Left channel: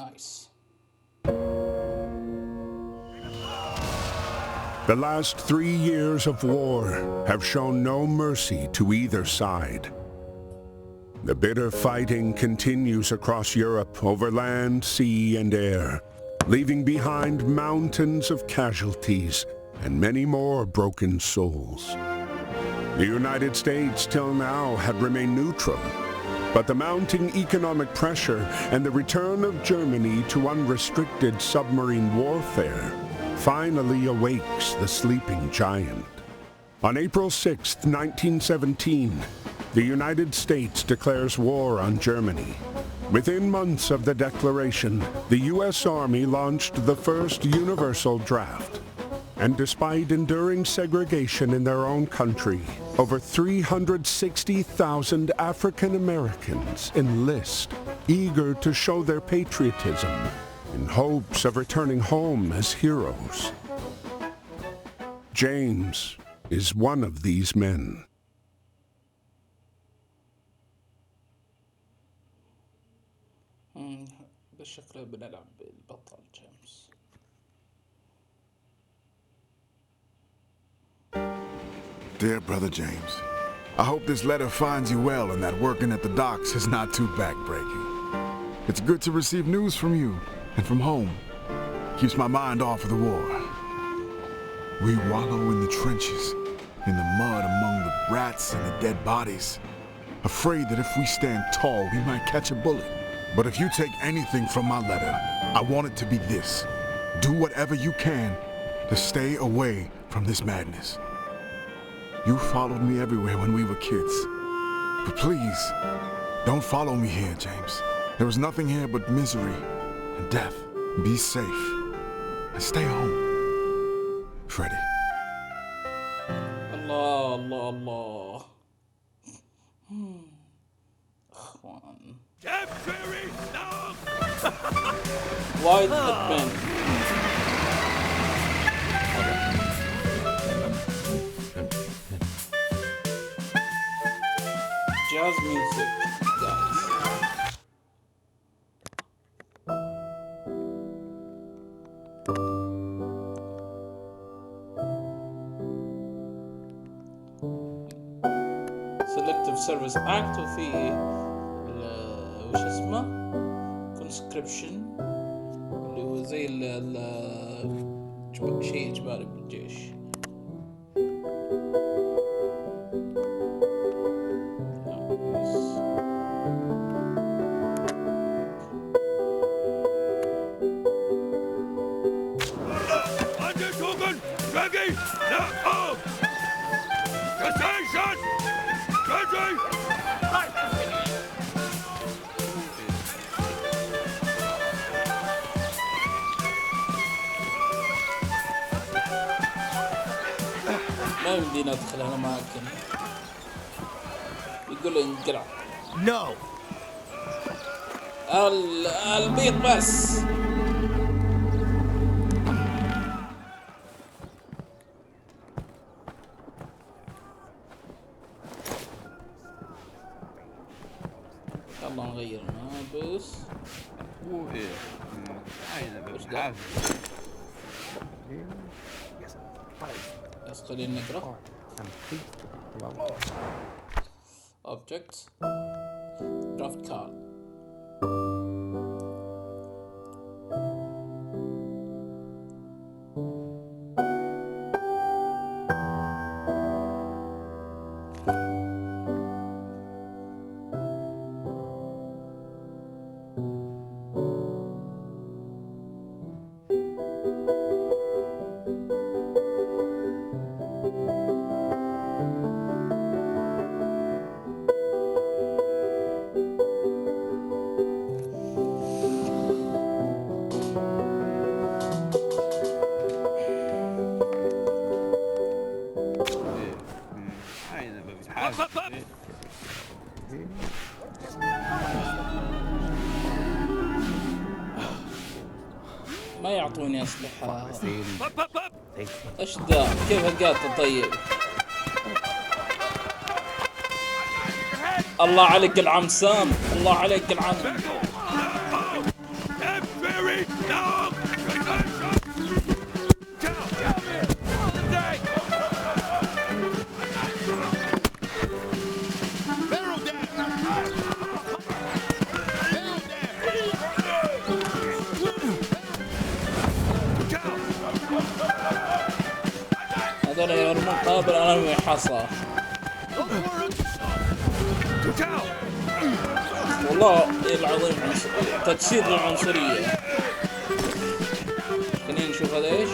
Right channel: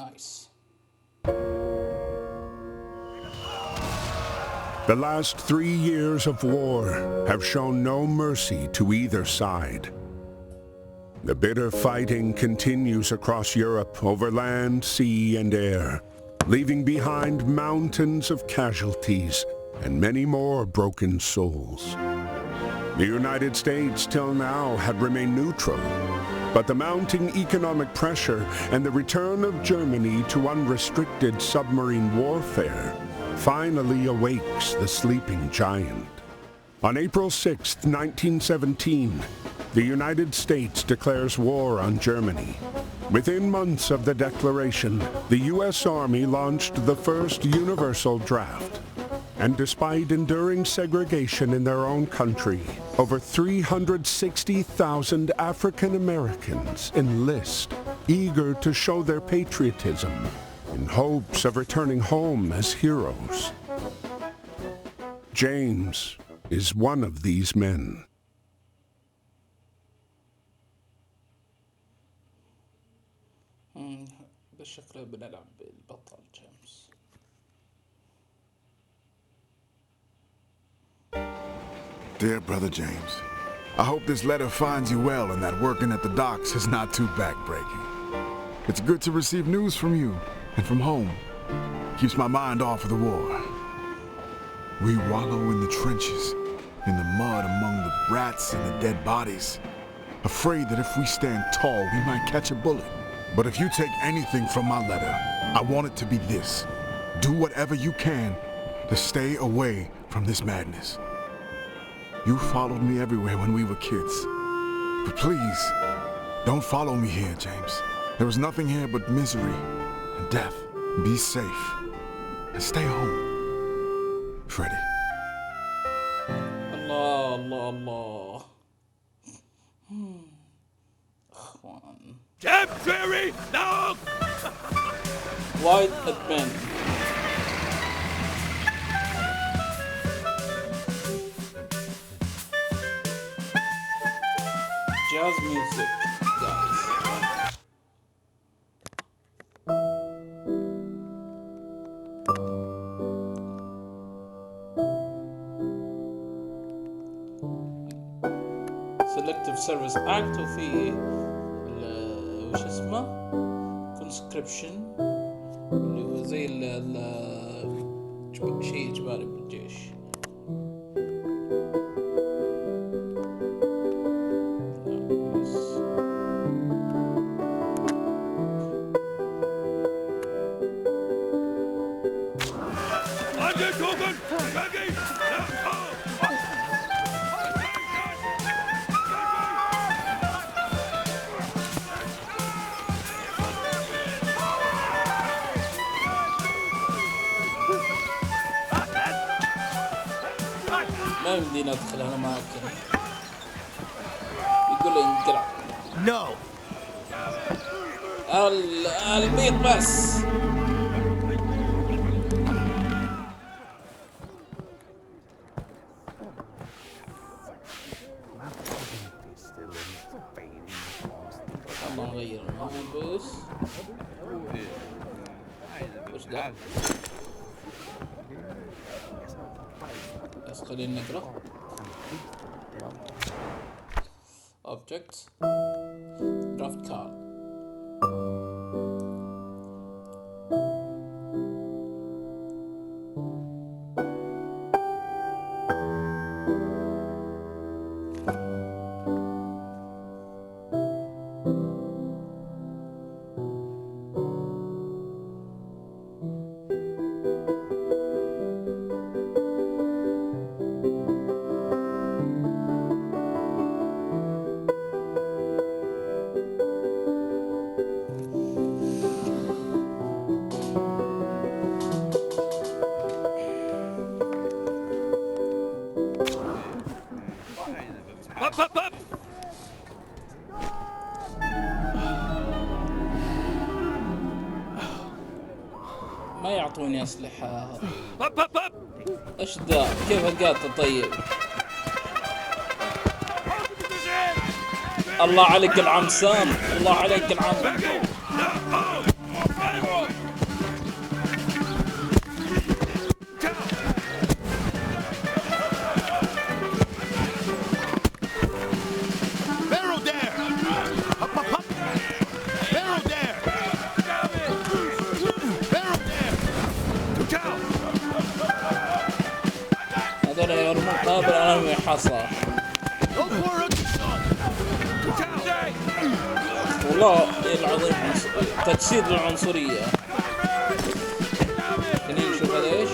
نايس. The last 3 years of war have shown no mercy to either side. The bitter fighting continues across Europe over land, sea, and air, leaving behind mountains of casualties and many more broken souls. The United States till now had remained neutral, but the mounting economic pressure and the return of Germany to unrestricted submarine warfare finally awakes the sleeping giant. On April 6, 1917, the United States declares war on Germany. Within months of the declaration, the U.S. Army launched the first universal draft. And despite enduring segregation in their own country, over 360,000 African Americans enlist, eager to show their patriotism in hopes of returning home as heroes. James is one of these men. بالشكل بنلعب بالبطل جيمس. Dear Brother James, I hope this letter finds you well and that working at the docks is not too backbreaking. It's good to receive news from you and from home. Keeps my mind off of the war. We wallow in the trenches, in the mud among the rats and the dead bodies, afraid that if we stand tall, we might catch a bullet. But if you take anything from my letter, I want it to be this. Do whatever you can to stay away from this madness. You followed me everywhere when we were kids. But please, don't follow me here, James. There is nothing here but misery and death. Be safe and stay home. Freddie. الله الله الله. اخوان. Temporary now. وايد ادمن. Jazz music, guys. Selective Service Act وفي وش اسمه conscription اللي هو زي شيء إجباري بالجيش. ما يمدينا ادخل انا معاك. يقول انقلع. No. البيض بس. يلا نغير الملبس. وش ده؟ بس خلينا نقرأ. Objects. Draft card. ما يعطوني أسلحة. ايش ذا؟ كيف القاطة طيب؟ الله عليك العم سام، الله عليك العم. كان يرمون قابل أنا حصى. والله العظيم تجسيد للعنصرية. خلينا نشوف هذا ايش.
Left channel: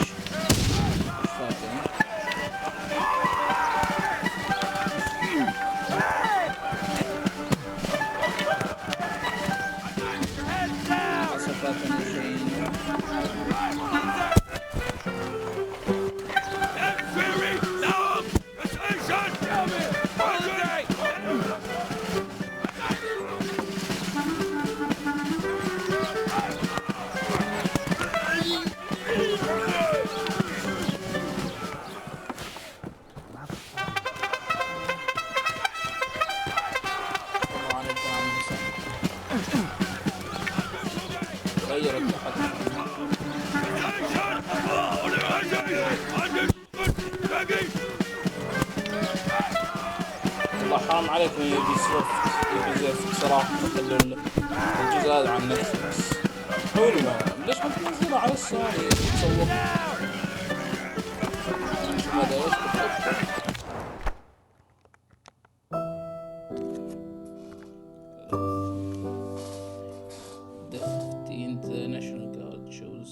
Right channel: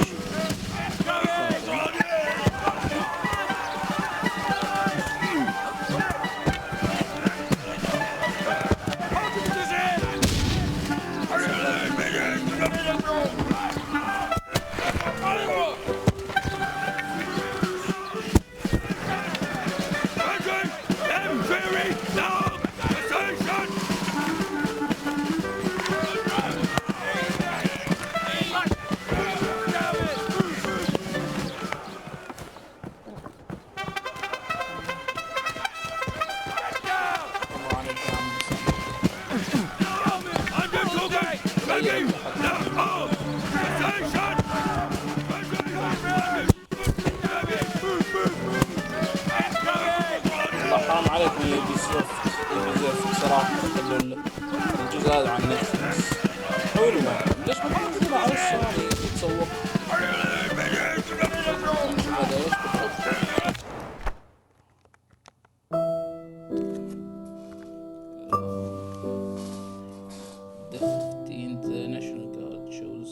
حرام عليكم يبي زفت صراحة. خلوا الجزء هذا عن نتفلكس حلو. ليش ما تنزله على السوني يتسوق؟ نشوف هذا ايش بالضبط. The 15th National Guard shows.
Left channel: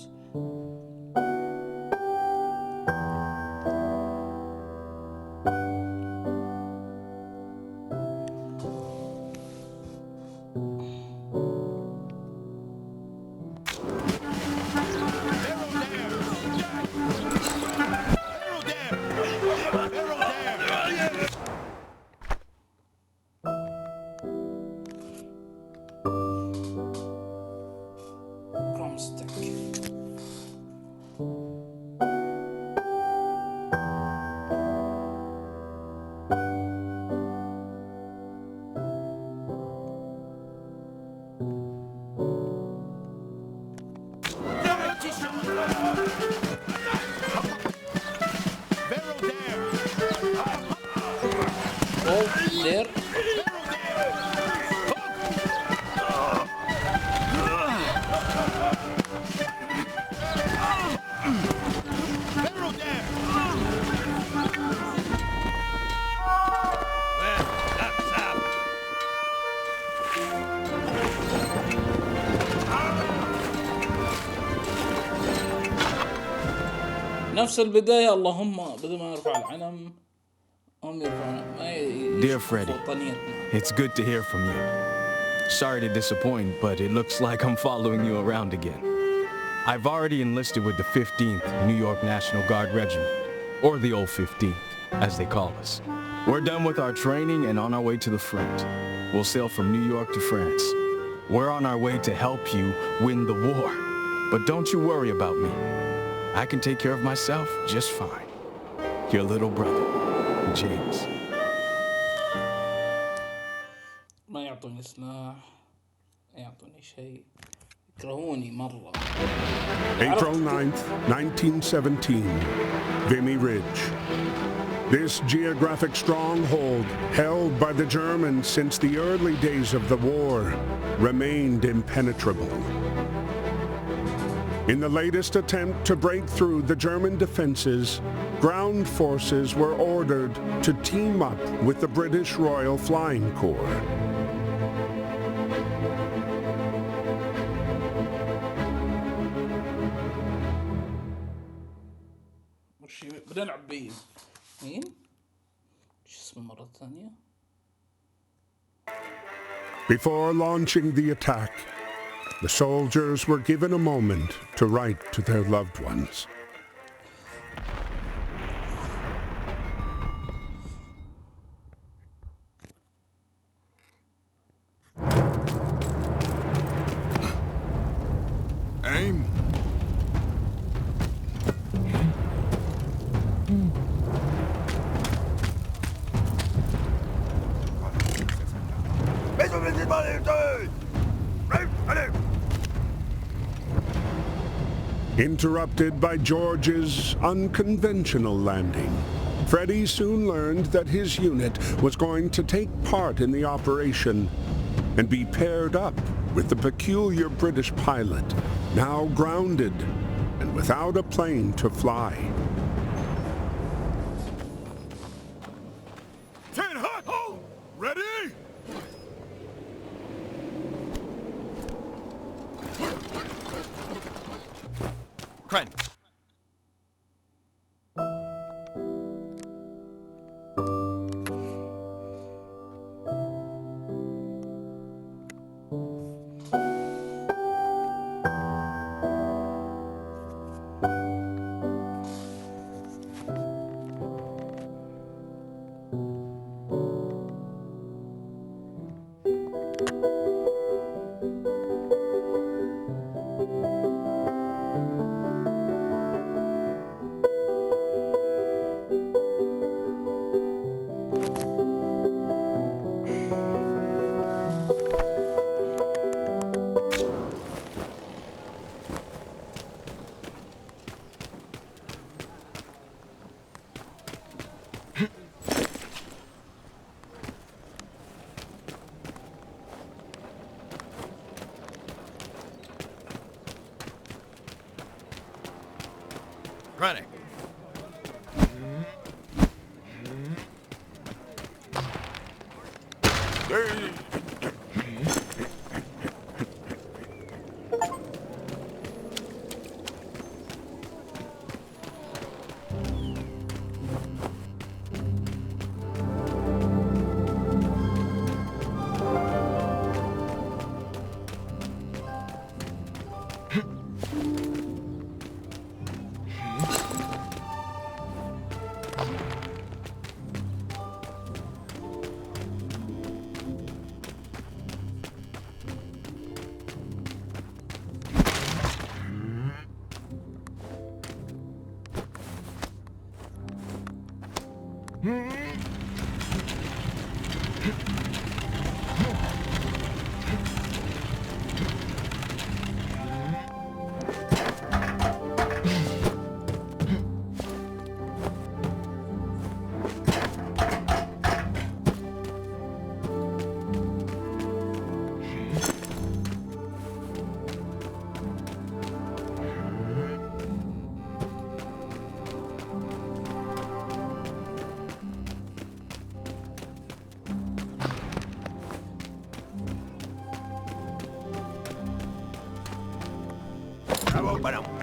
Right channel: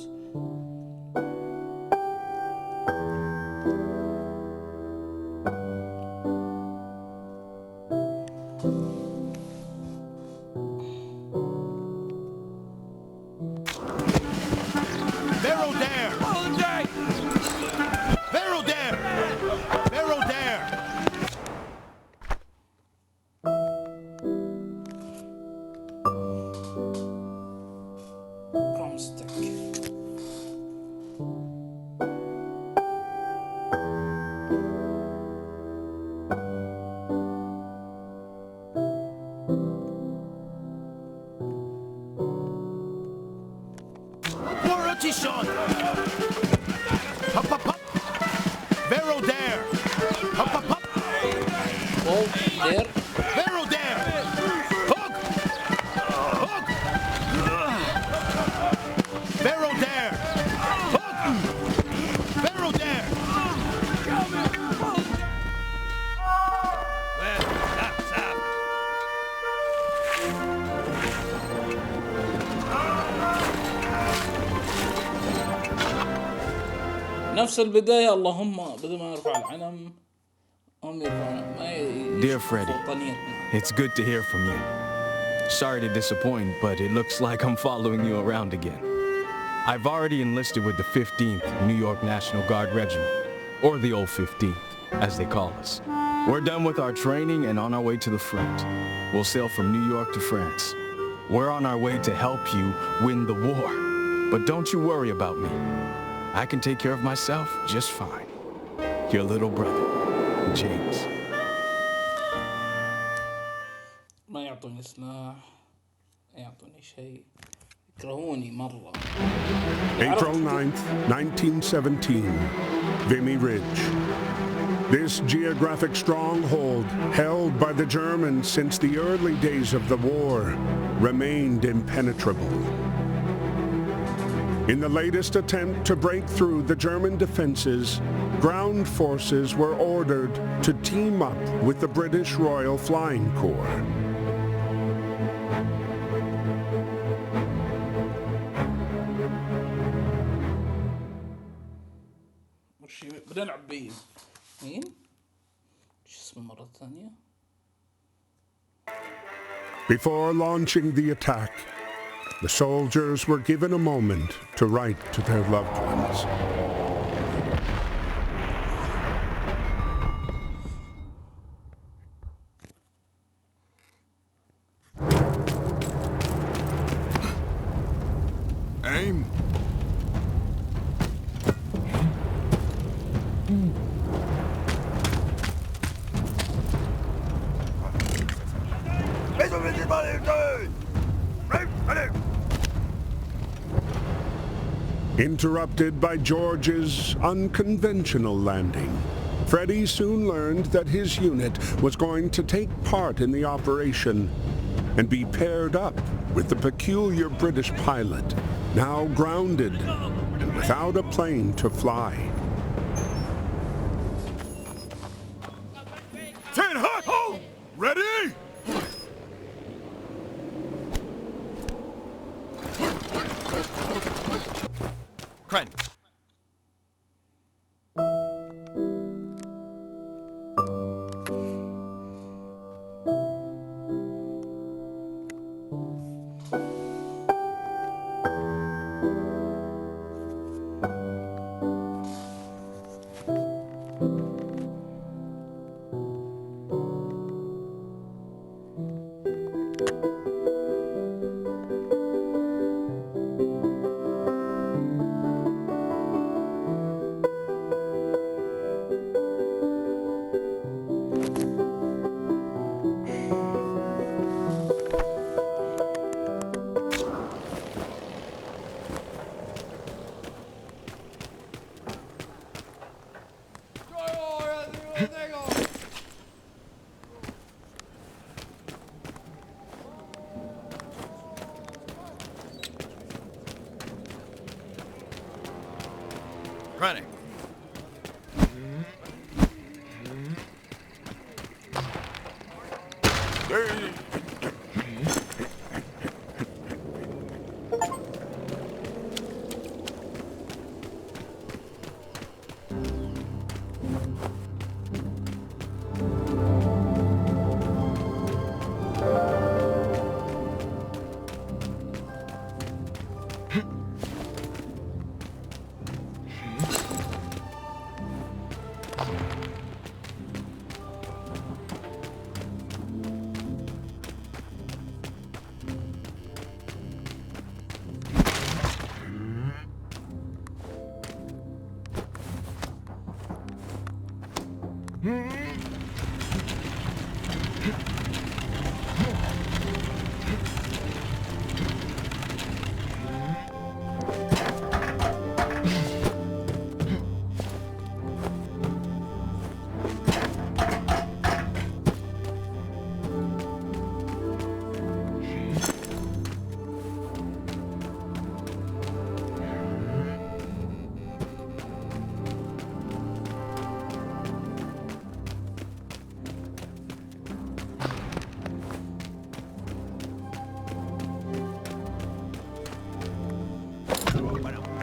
There. Barrel there. Hook. Barrel there. Hook. Barrel there. Well, that's up. نفس البداية. اللهم بدل ما يرفع العلم. Dear Freddy, it's good to hear from you. Sorry to disappoint, but it looks like I'm following you around again. I've already enlisted with the 15th New York National Guard Regiment, or the old 15th, as they call us. We're done with our training and on our way to the front. We'll sail from New York to France. We're on our way to help you win the war. But don't you worry about me. I can take care of myself just fine. Your little brother, James. ما يعطوني سلاح، يعطوني شيء، يكرهوني مرة. April 9th, 1917, Vimy Ridge. This geographic stronghold, held by the Germans since the early days of the war, remained impenetrable. In the latest attempt to break through the German defenses, ground forces were ordered to team up with the British Royal Flying Corps. بنلعب بيه مين؟ شو اسمه مرة ثانية؟ Before launching the attack, the soldiers were given a moment to write to their loved ones. Aim. Interrupted by George's unconventional landing, Freddy soon learned that his unit was going to take part in the operation and be paired up with the peculiar British pilot, now grounded and without a plane to fly. Kren. Krennic. Bueno.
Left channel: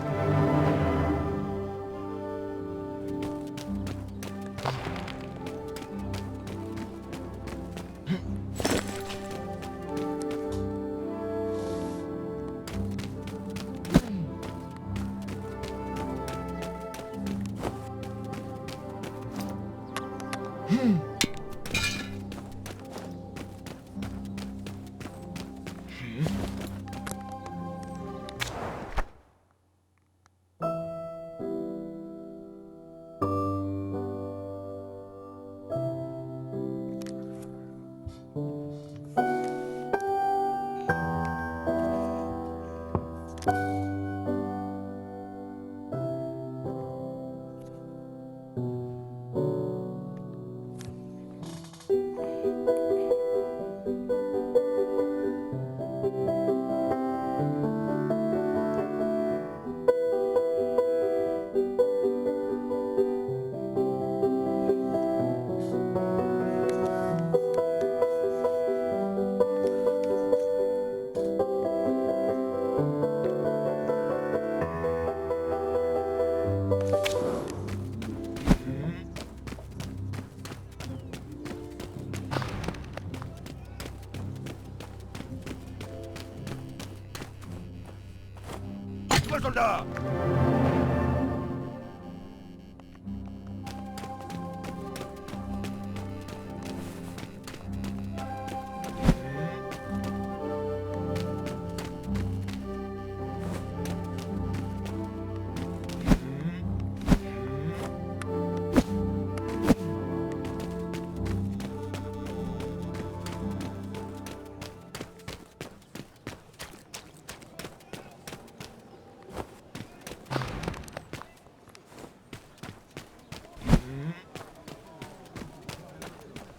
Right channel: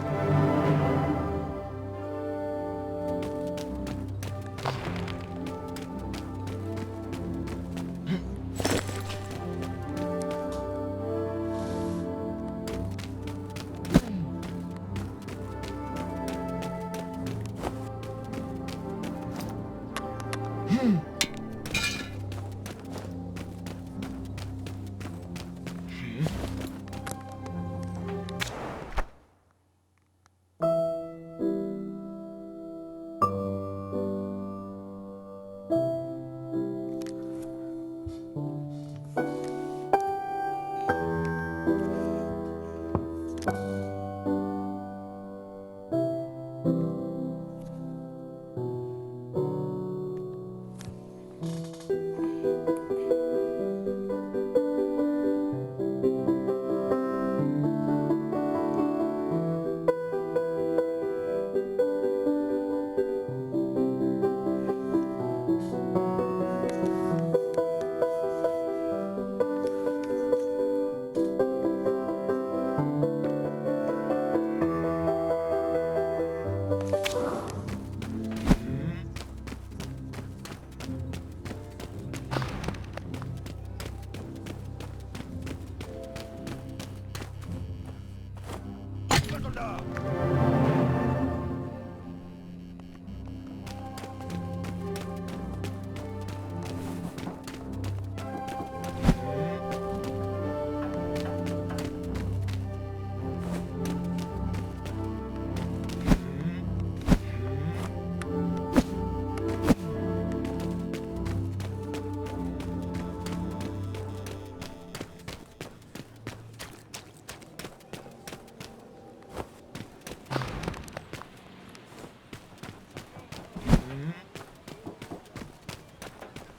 Soldat!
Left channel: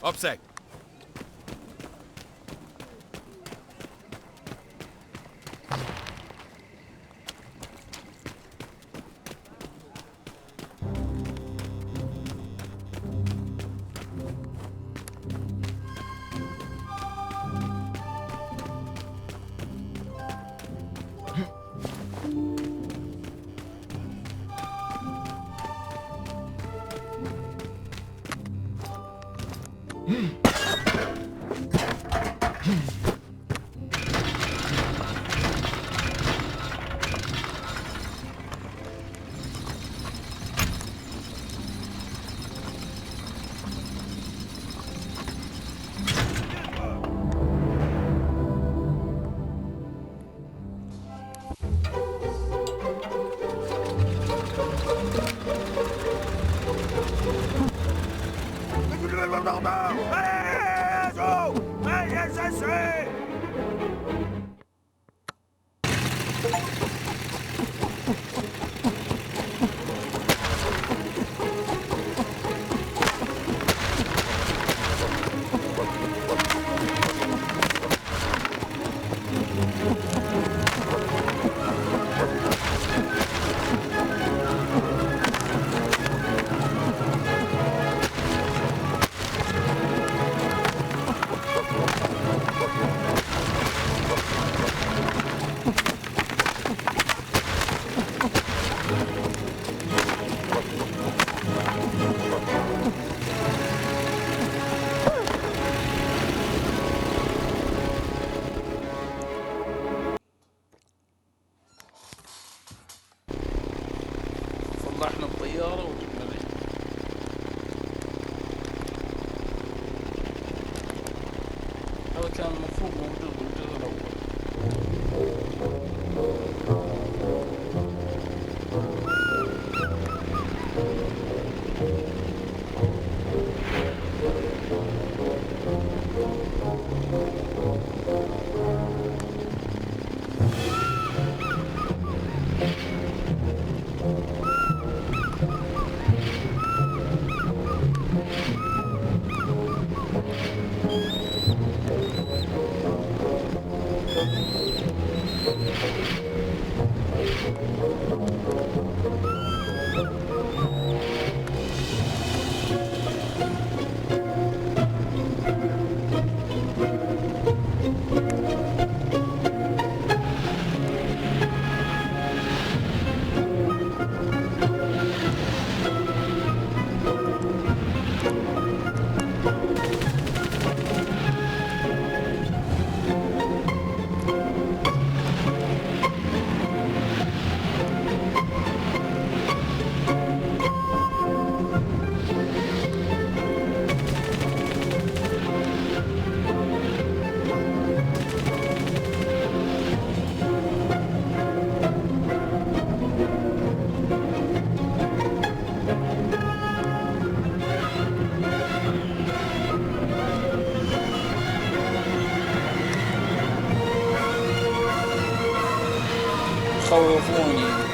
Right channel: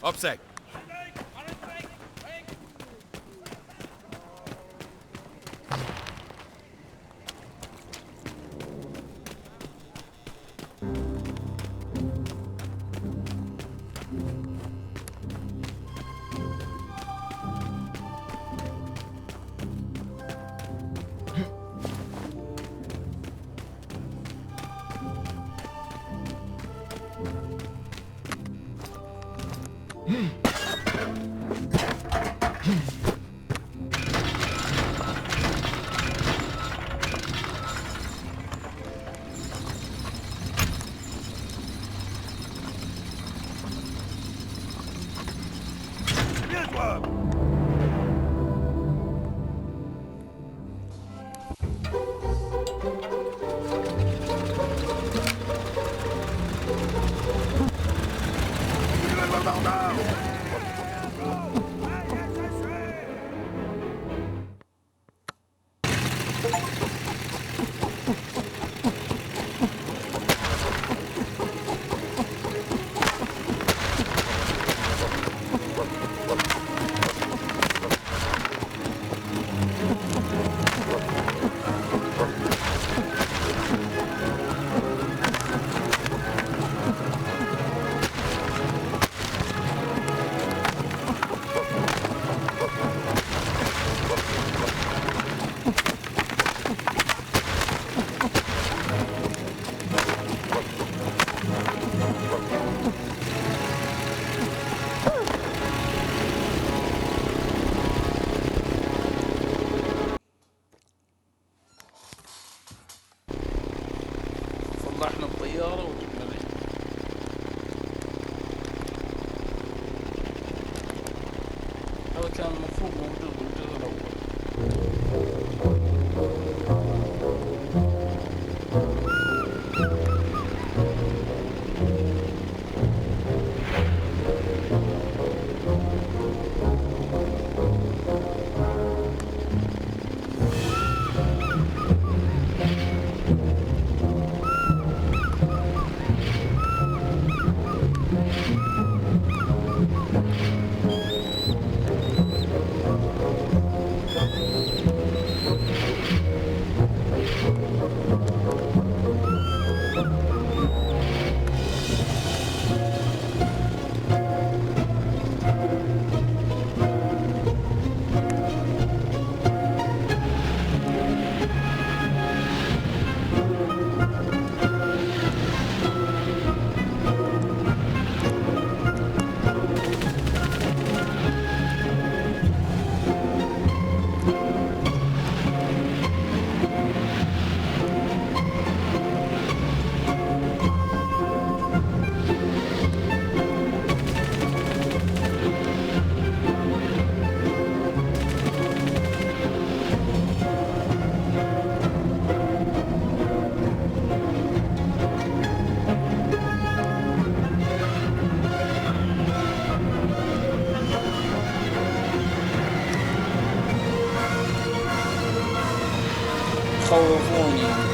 Obsec. صلحنا الطيارة وجبنا العيد. هذا كان المفروض موجود بالجزء الأول. خوفوني.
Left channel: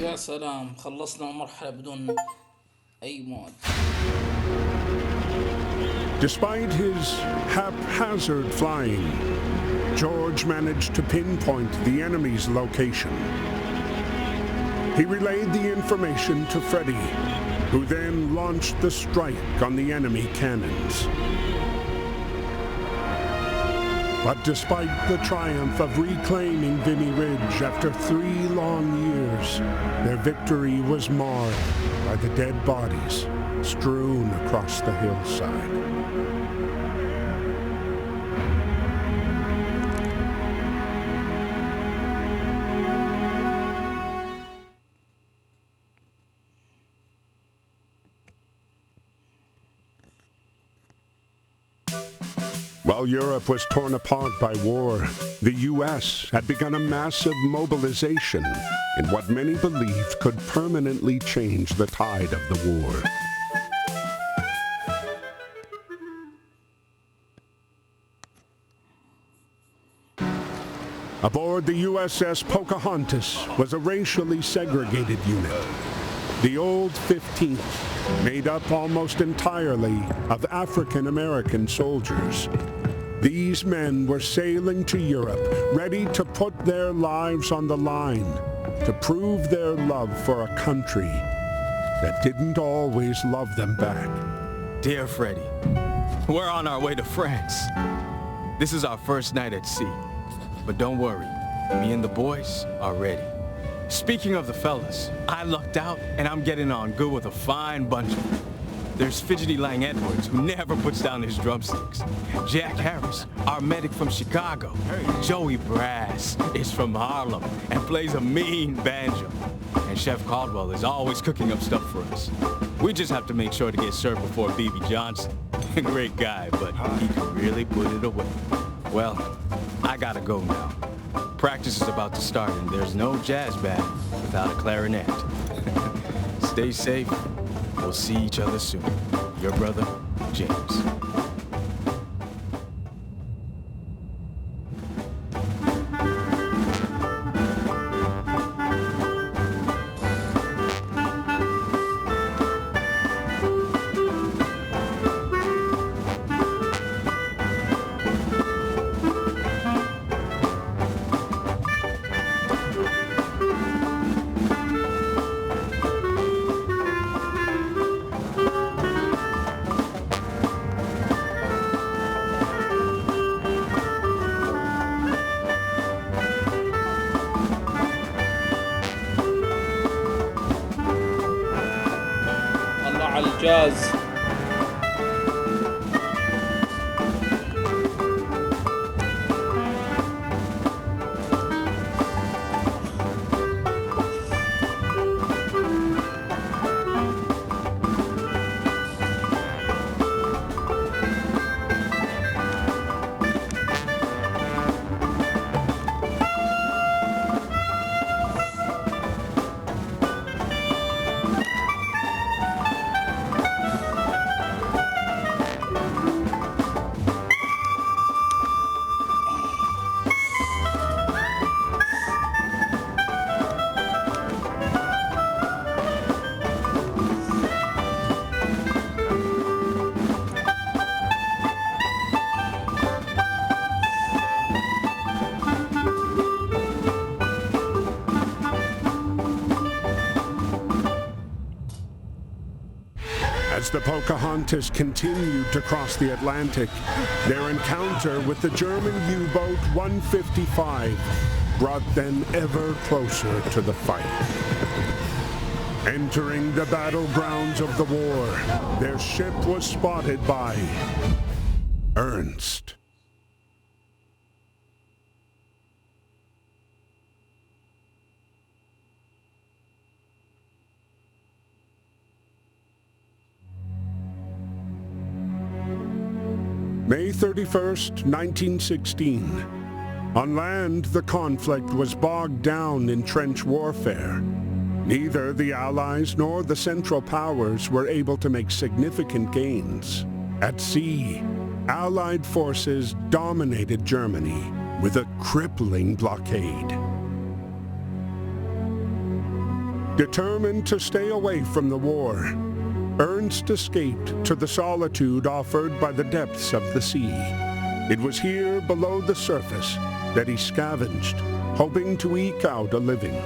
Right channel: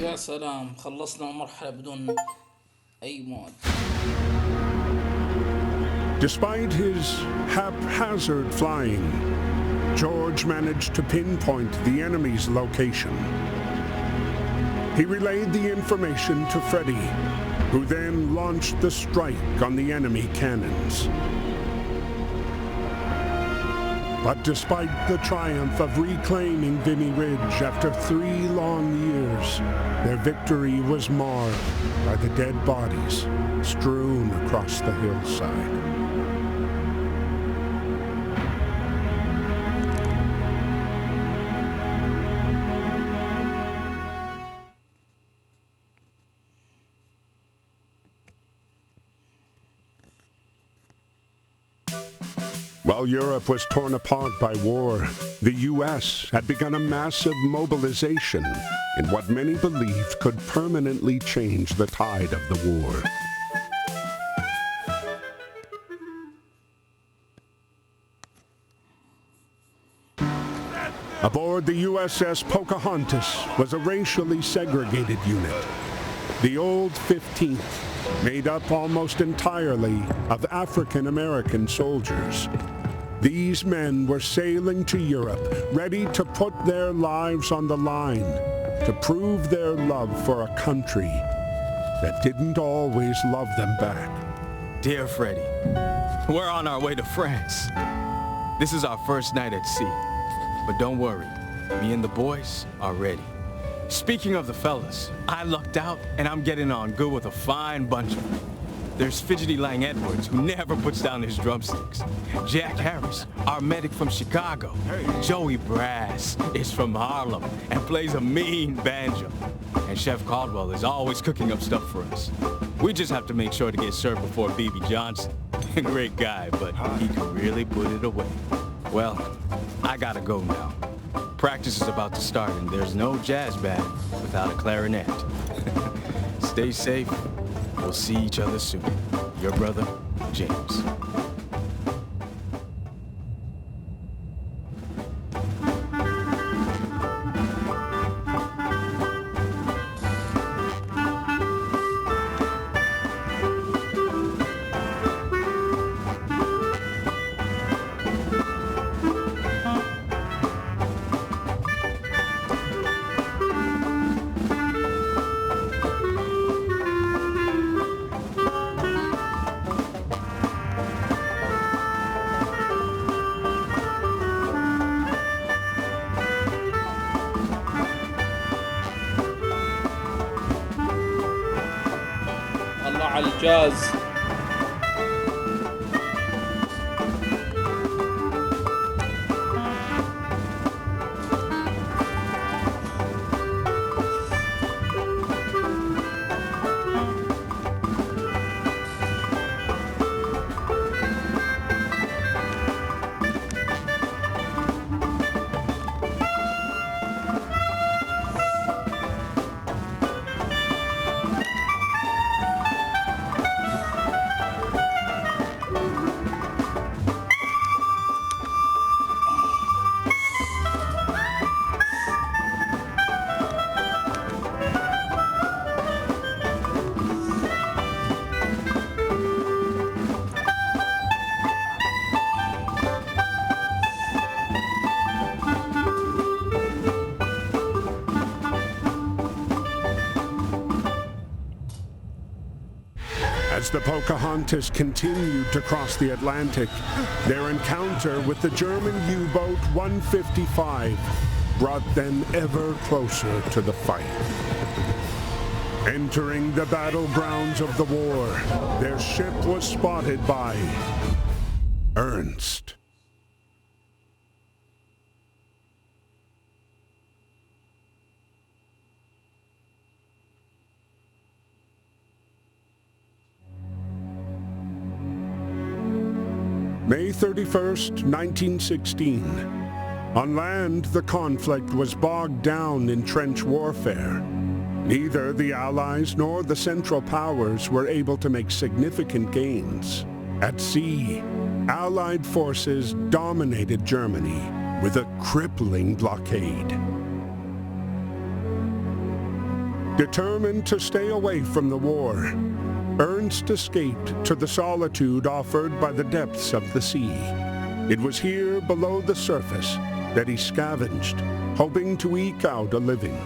يا سلام، خلصنا مرحلة بدون أي موت. Despite his haphazard flying, George managed to pinpoint the enemy's location. He relayed the information to Freddy, who then launched the strike on the enemy cannons. But despite the triumph of reclaiming Vimy Ridge after 3 long years, their victory was marred by the dead bodies strewn across the hillside. While Europe was torn apart by war, the U.S. had begun a massive mobilization in what many believed could permanently change the tide of the war. Aboard the USS Pocahontas was a racially segregated unit. The old 15th, made up almost entirely of African-American soldiers. These men were sailing to Europe, ready to put their lives on the line, to prove their love for a country that didn't always love them back. Dear Freddie, we're on our way to France. This is our first night at sea. But don't worry, me and the boys are ready. Speaking of the fellas, I lucked out and I'm getting on good with a fine bunch of them. There's Fidgety Lang Edwards, who never puts down his drumsticks. Jack Harris, our medic from Chicago. Joey Brass is from Harlem and plays a mean banjo. And Chef Caldwell is always cooking up stuff for us. We just have to make sure to get served before B.B. Johnson. Great guy, but he can really put it away. Well, I gotta go now. Practice is about to start and there's no jazz band without a clarinet. Stay safe. We'll see each other soon. Your brother, James. على الجاز. As the Pocahontas continued to cross the Atlantic, their encounter with the German U-boat 155 brought them ever closer to the fight. Entering the battlegrounds of the war, their ship was spotted by Ernst. May 31st, 1916. On land, the conflict was bogged down in trench warfare. Neither the Allies nor the Central Powers were able to make significant gains. At sea, Allied forces dominated Germany with a crippling blockade. Determined to stay away from the war, Ernst escaped to the solitude offered by the depths of the sea. It was here below the surface that he scavenged, hoping to eke out a living.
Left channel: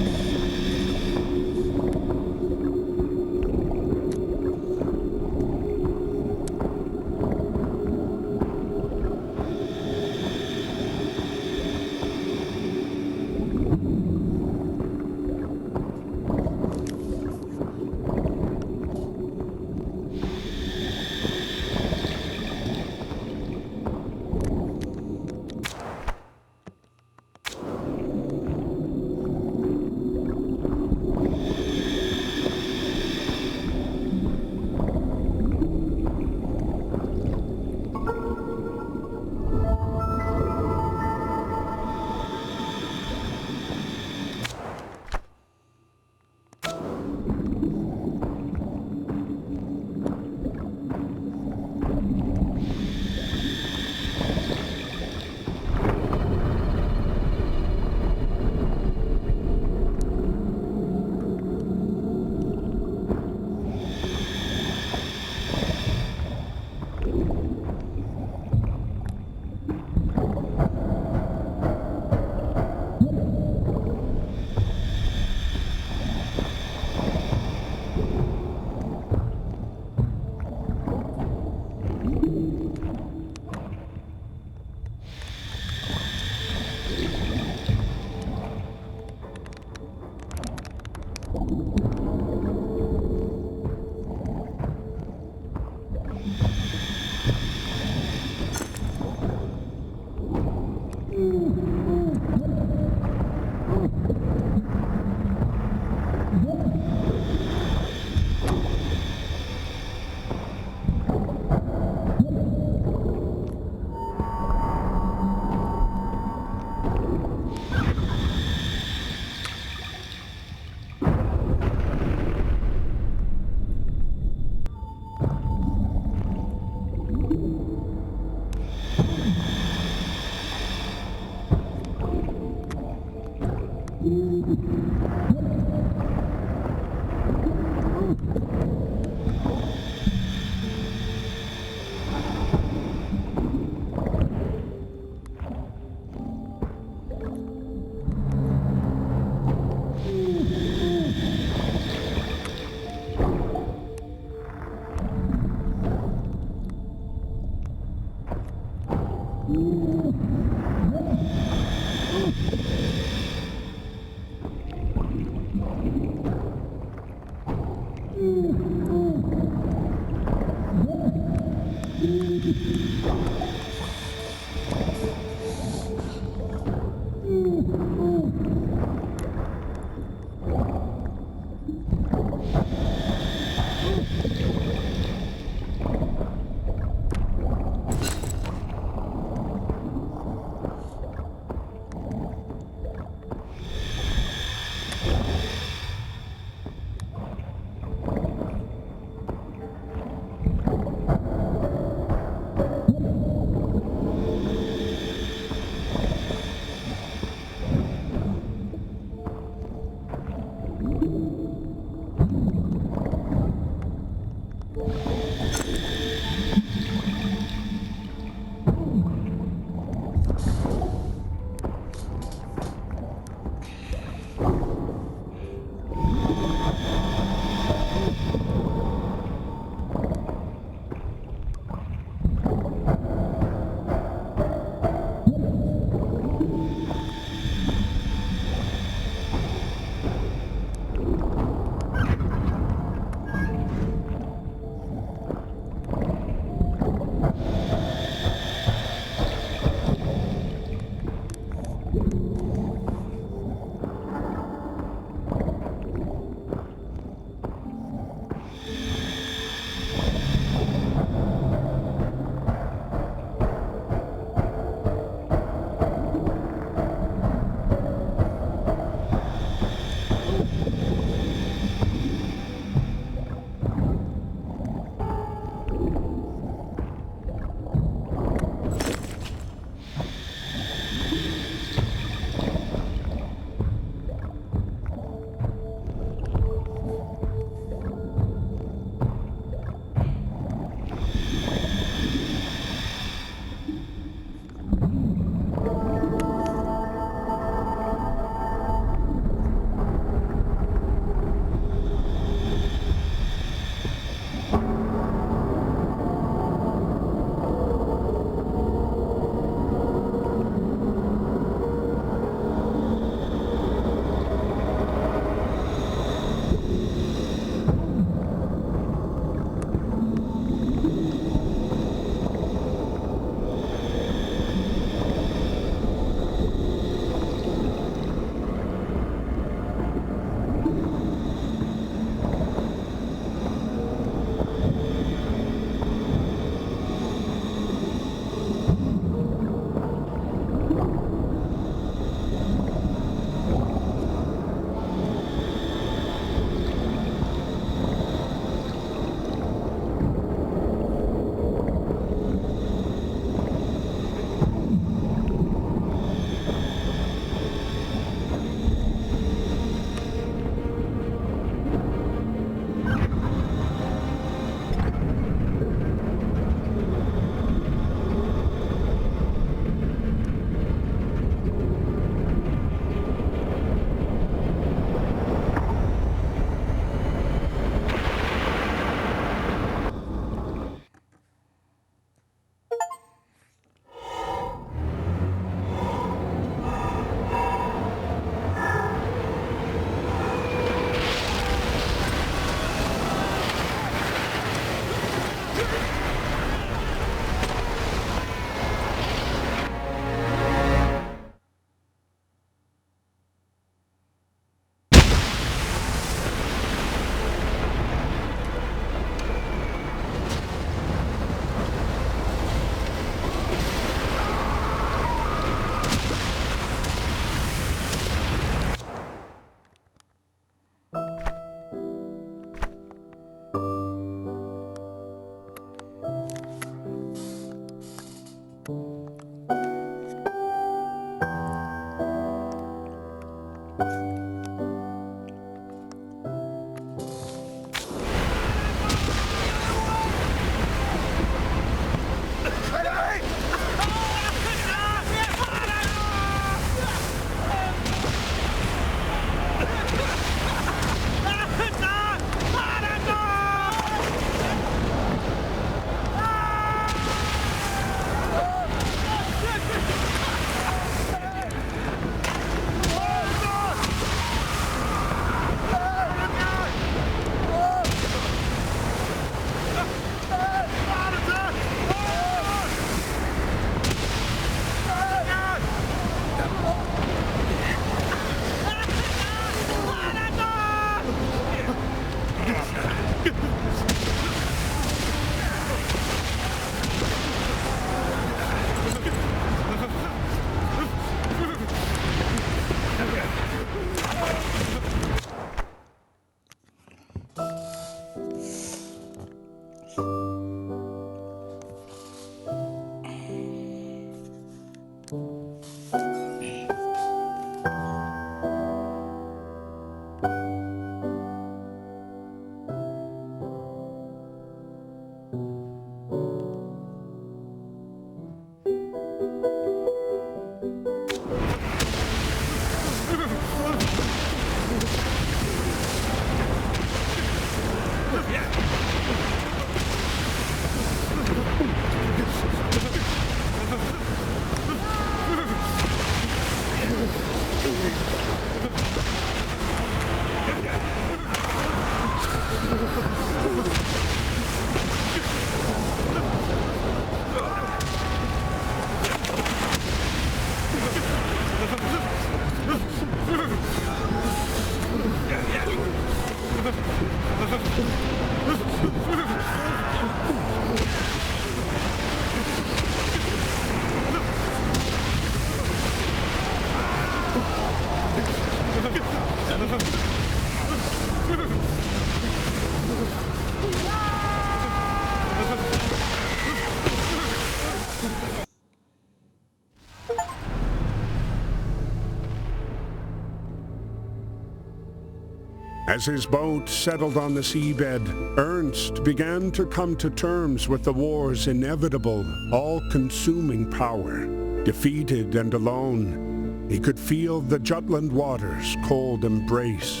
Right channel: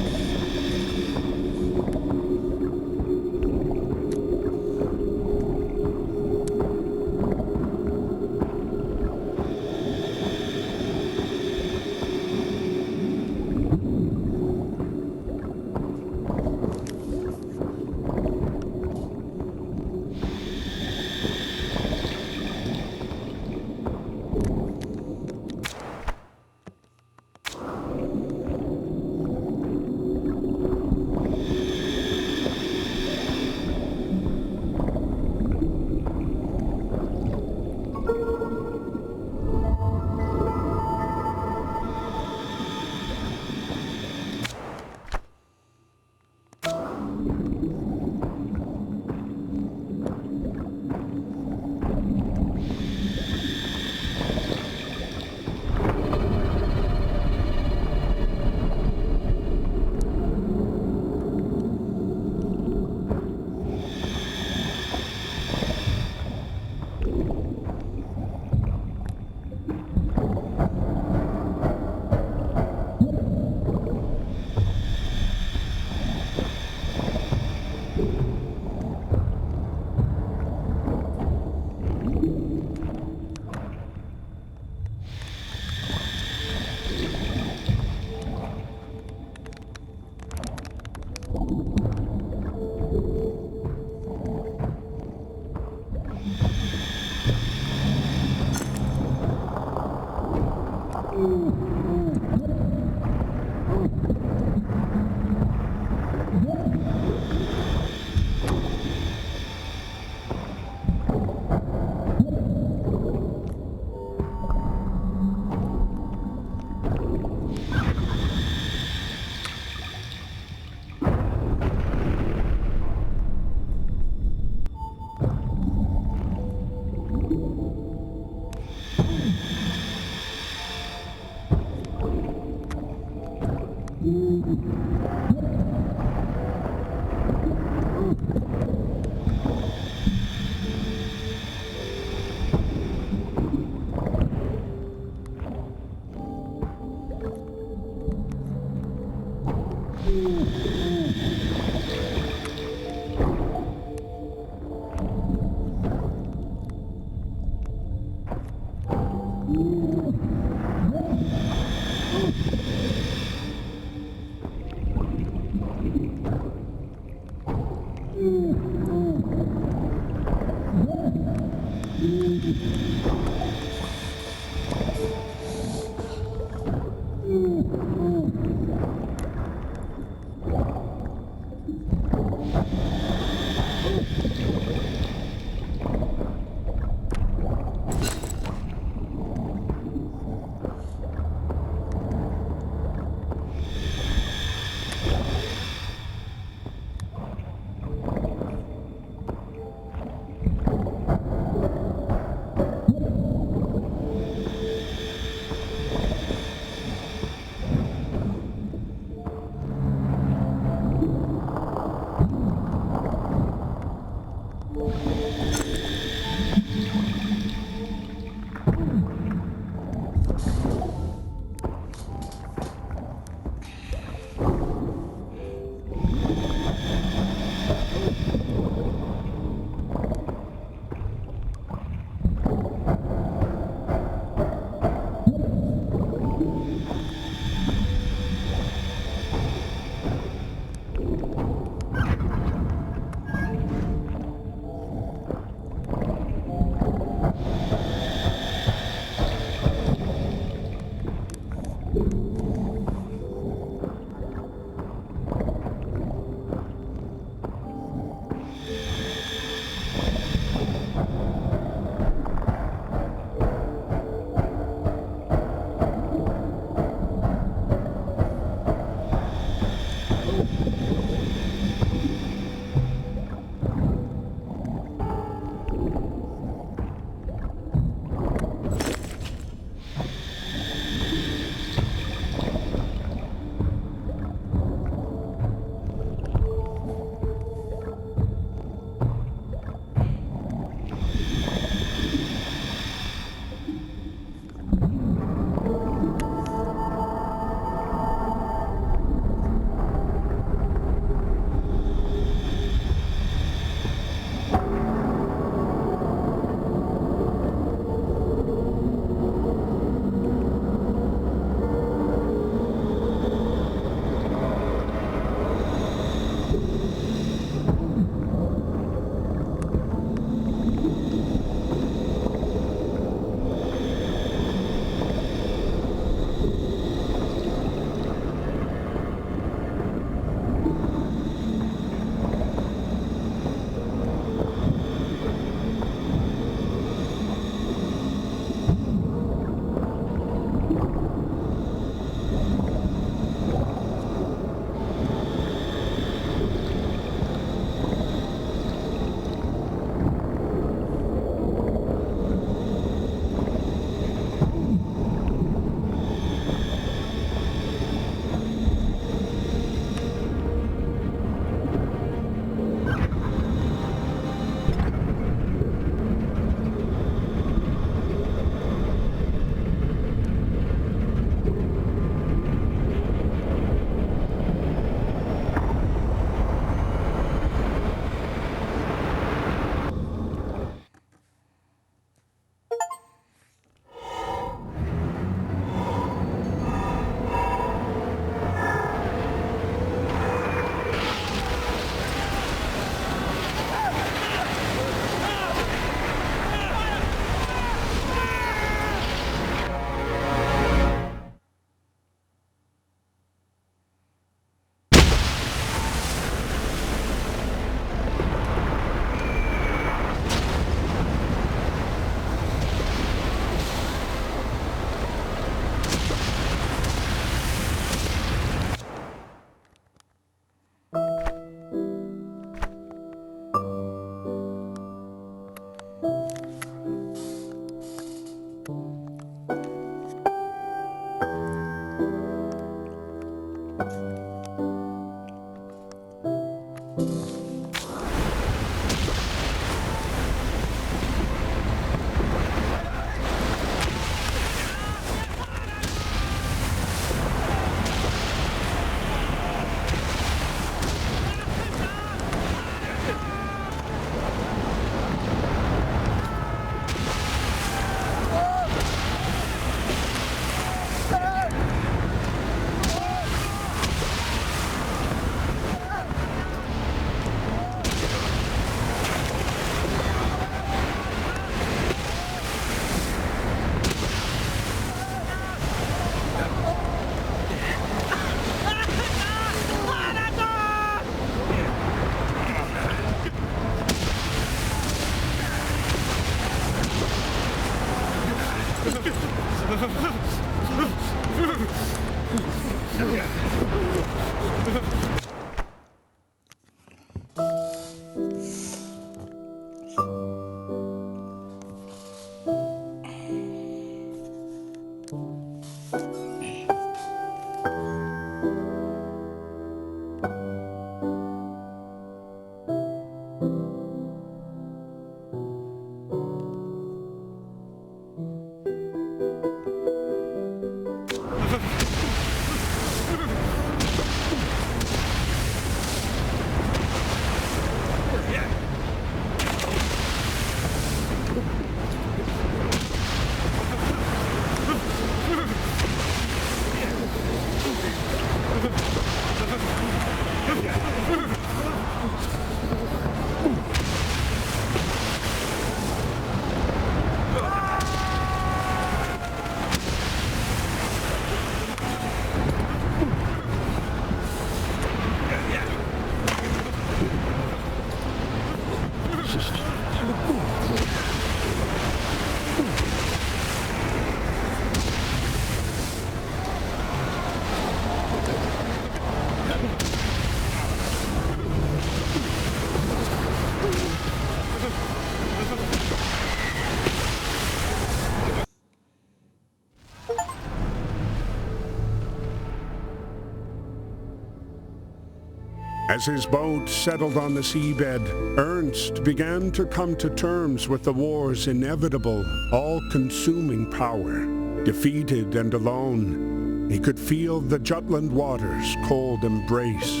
As his boat settled on the seabed, Ernst began to come to terms with the war's inevitable, all-consuming power. Defeated and alone, he could feel the Jutland waters' cold embrace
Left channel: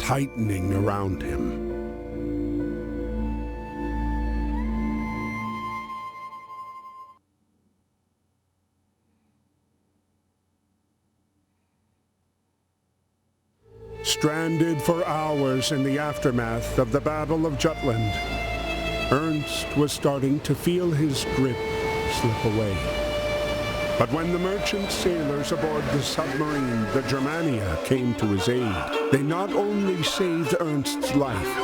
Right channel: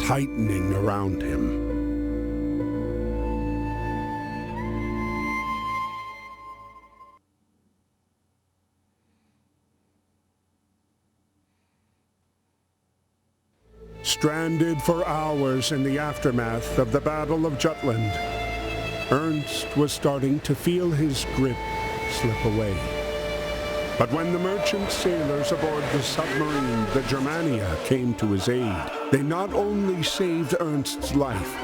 tightening around him. Stranded for hours in the aftermath of the Battle of Jutland, Ernst was starting to feel his grip slip away. But when the merchant sailors aboard the submarine, the Germania, came to his aid, they not only saved Ernst's life,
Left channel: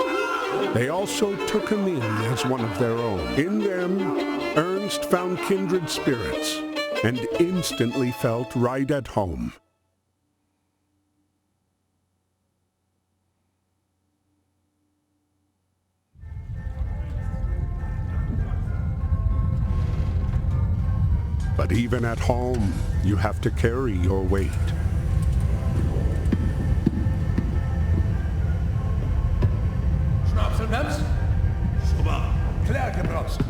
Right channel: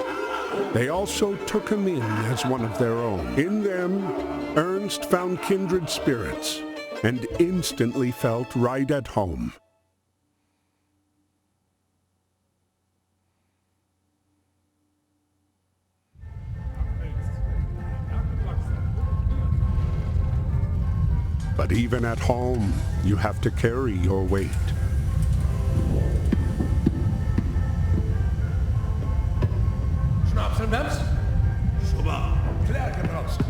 they also took him in as one of their own. In them, Ernst found kindred spirits and instantly felt right at home. But even at home, you have to carry your weight. Schnaps und Wemms? Super. Klärke brauchst.